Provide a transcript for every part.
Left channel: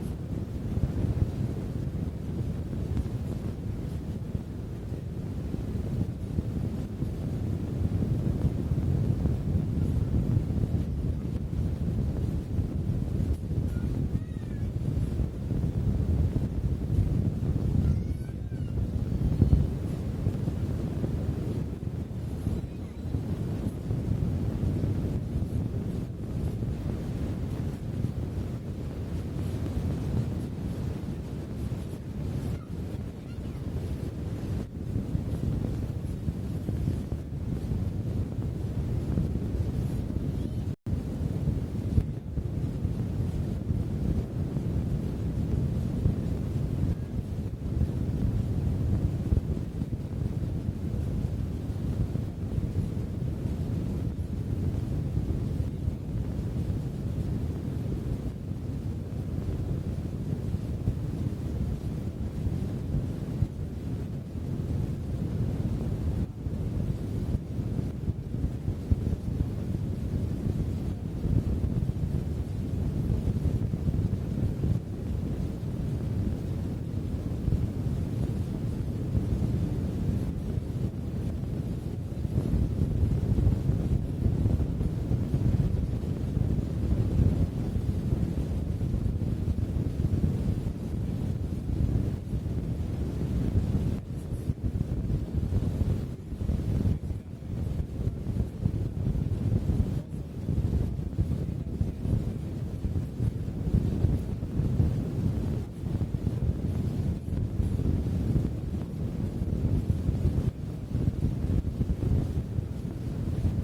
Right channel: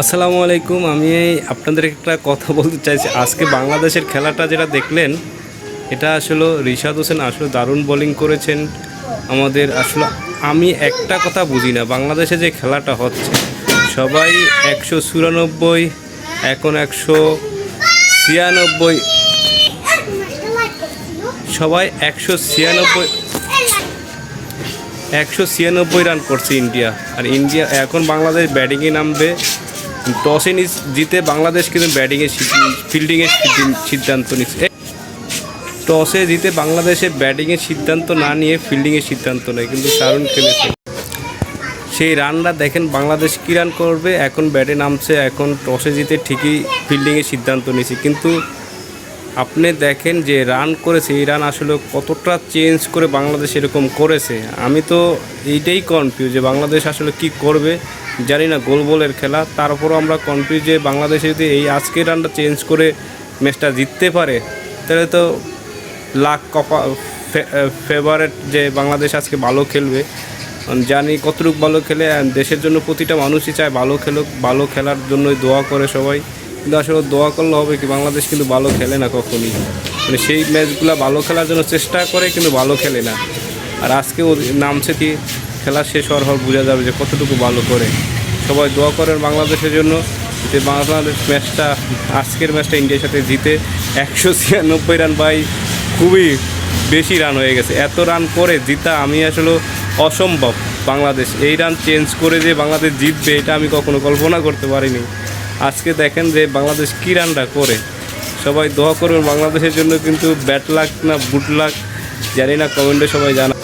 আসসালামু আলাইকুম। আমি আপনাদের একটা কথা বলতে চাইছি। আজকে বাংলাদেশের খেলাটা যেটা দেখলেন, এটা আসলে রিশাদ হোসেন আসলে দারুণ বোলিং করেছেন আমাদের। আসলে আমি একটা কথা বুঝি না, বাংলাদেশে যে খেলাটা হচ্ছে সবাই 194, এখন 196, সবাই 196 রান করছে ইন্ডিয়া। আর ইন্ডিয়া এখন বাংলাদেশ ব্যাটিংয়ে নামবে। টসে জিতে বাংলাদেশ কিন্তু ফিল্ডিংয়ের সিদ্ধান্ত নিচ্ছে। টসে জিতে বাংলাদেশে ব্যাটিংয়ের সিদ্ধান্ত না নিয়ে ফিল্ডিংয়ের সিদ্ধান্ত নেয়, কিন্তু দারুণ খেলেছে। সেই রানটা দেখেন, বাংলাদেশ কী রান করবে, এখন ব্যাটে নামছে, এখন টসে জিতে ঠিকই ফিল্ডিংয়ের সিদ্ধান্ত নিয়েছে। কিন্তু আপনি দেখেন যে রান করেছে, এই রান আসলে কতটা চেঞ্জ করে বাংলাদেশ এরকম করেছে। আমি তো এইটাই কনফিউজ যে বাংলাদেশ আসলে কি করবে, জানি না। গোল বলের খেলা, তারপরও আমরা কনফিউজ যে বাংলাদেশে যদি এই আজকের রানটা চেঞ্জ করে ম্যাচটা জিততে পারে, তাহলে তো লাখ ফেভারেট যে বাংলাদেশ আজকে ভালো খেলবে। জানি কতটুকু ভালো খেলে, দেশের জন্য প্রতিটা মানুষই চায় ভালো খেলুক, ভালো খেলার জন্যই দোয়া করে সবাই। কিন্তু আসলে দোয়া করলে হবে কি, বাংলাদেশ কিন্তু ভালো খেলে না কখনই। মানে সেই ম্যাচগুলো ভালো খেলার জন্য চেষ্টা করে, কিন্তু ভালো খেলে না। আর আজকে ও নামছে কি, খেলা শেষ হওয়ার পর বোঝা যাবে যে কতটুকু ভালো করে। সবাই দোয়া করেন বাংলাদেশের জন্য, যে বাংলাদেশ ম্যাচটা, আজকের ম্যাচটা ইন্ডিয়ার সাথে জিতে 196 রান। ভাই খুবই বেশি রান হয়ে গেছে। এত রান করে জিতা আমি আসলে অসম্ভব। বাংলাদেশ এই রান চেঞ্জ করে যে বাংলাদেশ জিতবে, এটা আমি কখনো কল্পনা করতে পারিনি। আজকে দেখেন যে বাংলাদেশ কী রানটা করে। সবাই দোয়া করবেন বাংলাদেশের জন্য, কিন্তু ব্যাট লাক না বুট লাক জানি না, কমেন্টে সবাই জানা।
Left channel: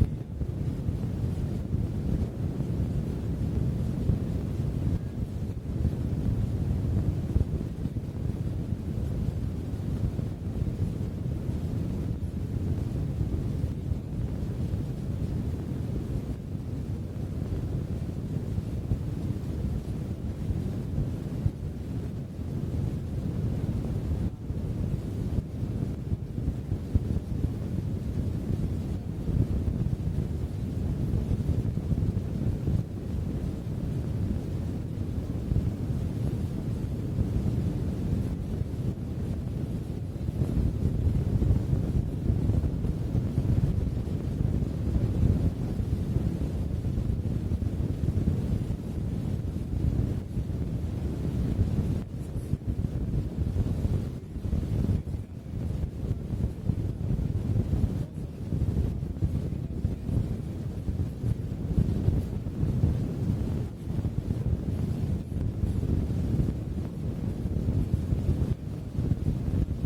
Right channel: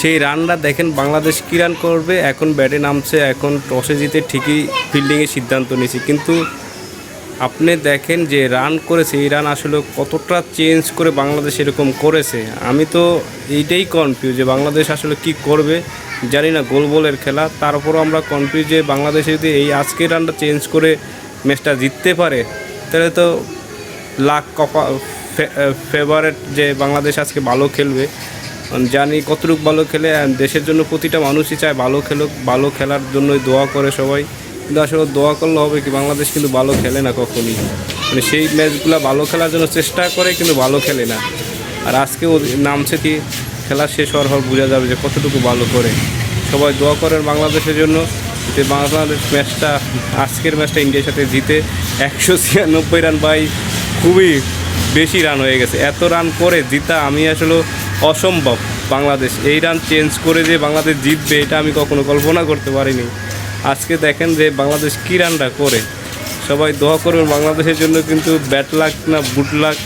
সেই রানটা দেখেন, বাংলাদেশ কী রান করবে, এখন ব্যাটে নামছে, এখন টসে জিতে ঠিকই ফিল্ডিংয়ের সিদ্ধান্ত নিয়েছে। কিন্তু আপনি দেখেন যে রান করেছে, এই রান আসলে কতটা চেঞ্জ করে বাংলাদেশ এরকম করেছে। আমি তো এইটাই কনফিউজ যে বাংলাদেশ আসলে কি করবে, জানি না। গোল বলের খেলা, তারপরও আমরা কনফিউজ যে বাংলাদেশে যদি এই আজকের রানটা চেঞ্জ করে ম্যাচটা জিততে পারে, তাহলে তো লাখ ফেভারেট যে বাংলাদেশ আজকে ভালো খেলবে। জানি কতটুকু ভালো খেলে, দেশের জন্য প্রতিটা মানুষই চায় ভালো খেলুক, ভালো খেলার জন্যই দোয়া করে সবাই। কিন্তু আসলে দোয়া করলে হবে কি, বাংলাদেশ কিন্তু ভালো খেলে না কখনই। মানে সেই ম্যাচগুলো ভালো খেলার জন্য চেষ্টা করে, কিন্তু ভালো খেলে না। আর আজকে ও নামছে কি, খেলা শেষ হওয়ার পর বোঝা যাবে যে কতটুকু ভালো করে। সবাই দোয়া করেন বাংলাদেশের জন্য, যে বাংলাদেশ ম্যাচটা, আজকের ম্যাচটা ইন্ডিয়ার সাথে জিতে 196 রান। ভাই খুবই বেশি রান হয়ে গেছে। এত রান করে জিতা আমি আসলে অসম্ভব। বাংলাদেশ এই রান চেঞ্জ করে যে বাংলাদেশ জিতবে, এটা আমি কখনো কল্পনা করতে পারিনি। আজকে দেখেন যে বাংলাদেশ কী রানটা করে। সবাই দোয়া করবেন বাংলাদেশের জন্য, কিন্তু ব্যাট লাক না বুট লাক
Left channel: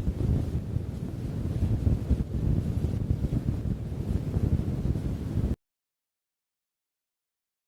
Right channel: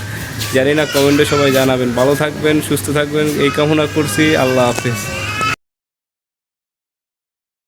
জানি না, কমেন্টে সবাই জানাবেন। ভালো থাকবেন, সুস্থ থাকবেন, এই কামনা করছি। আল্লাহ হাফেজ।